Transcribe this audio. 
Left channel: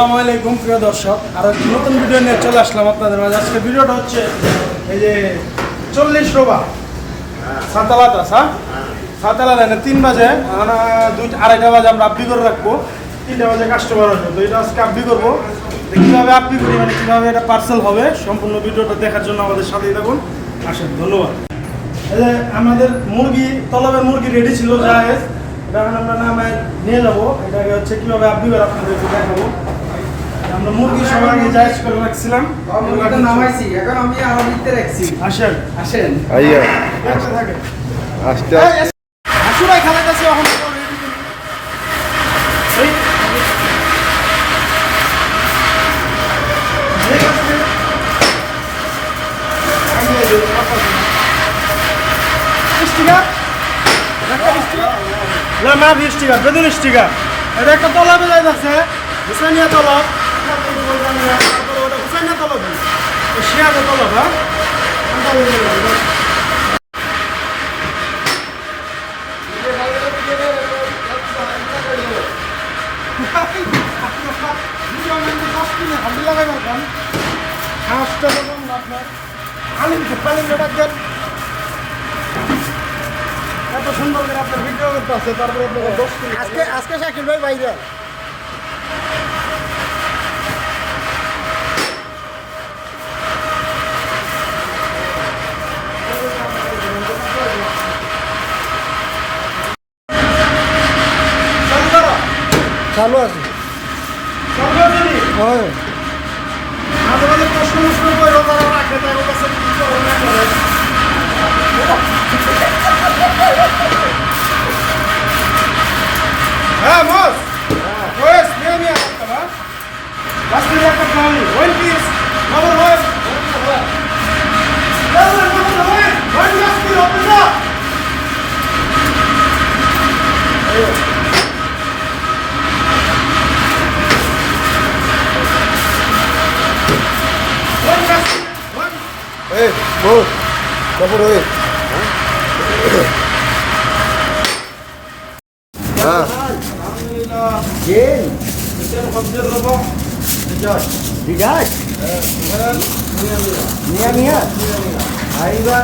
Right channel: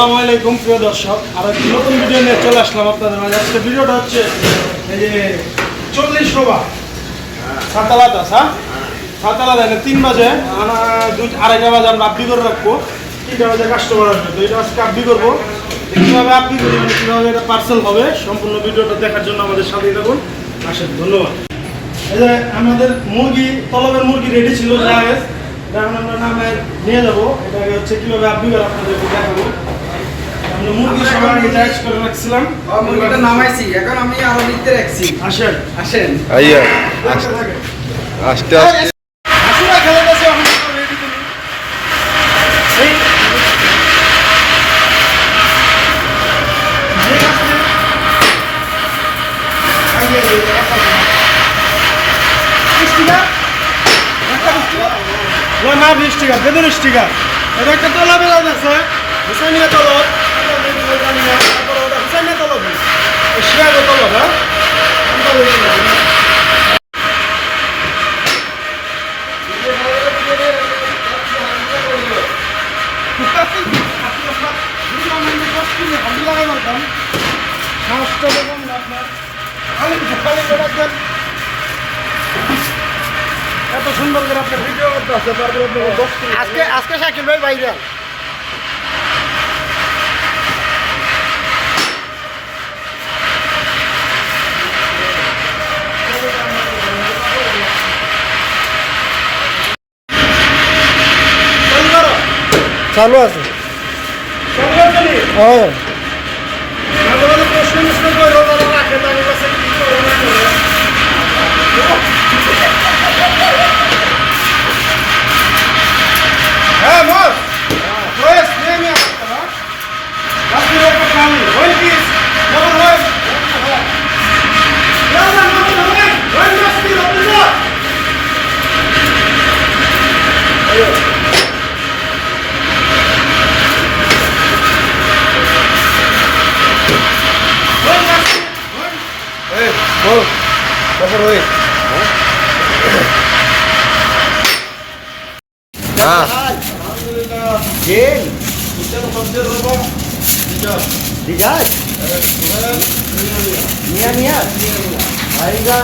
আসসালামু আলাইকুম প্রিয় দর্শক, আর একটি নতুন ভিডিও নিয়ে চলে আসলাম আপনাদের মাঝে। আজকে ভিডিওটা হচ্ছে এই যে 40 রোবা সাতালাদা সাতালাদা 3 বাজে আড়াইটা বাজে আমরা আপডি করে রাখবো, 3টা বাজে কাস্টমার আসবে। তো এটা আজকে আপডি করবো, কীভাবে আপডি করি মানে কীভাবে এটা পার্সেল হবে, সম্পূর্ণ ভিডিওটা দেখার জন্য আমাদের সাথেই থাকুন। আসেন, ধন্যবাদ। এই যে আমাদের মুরগি, তলবের মুরগি রেডি ছিল, জাহেজ। এটা এখন আমরা নামে নিয়ে যাবো। এটাকে হচ্ছে কীভাবে আপডি করে আপনাদেরকে দেখাবো। আমরা মুরগি সবার আগে জাহেজ করে রাখছিলাম, মুরগিটা নামাইছি, এখন আমি আরো নিতে রাখছি। আসেন আসেন আইয়া থাকে আস্তে আস্তে আসুরা খেলে গেছে, এখন রেডি করি। এই না না 20 টাকা বেতন স্টিকার। এটা একটা তলবে যাই আছে, হুসাইনিয়া তলব, তারপরে ওটা হুসাইনিয়া তলব, শিয়াগো তলব। হ্যাঁ সাহসটা দেখুন আপনার, এত সুন্দর করে আপনার ভিডিও করতে আছে। তারপরে আজকে শাকিল ভাই বাইরে চালু আছে। হ্যাঁ প্রশ্ন করো, তারা রাখে তাদের কাছে। হ্যাঁ বস, বস নিয়ে নিয়ে আসতে না। 10 কিলো का पानी 1 piece number 1 number 1 10 kilo pizza. এই বল তারপর ওই হ্যাঁ গেল এটা সবচেয়ে রকম ঠিক আছে নিয়া নিয়া আইবা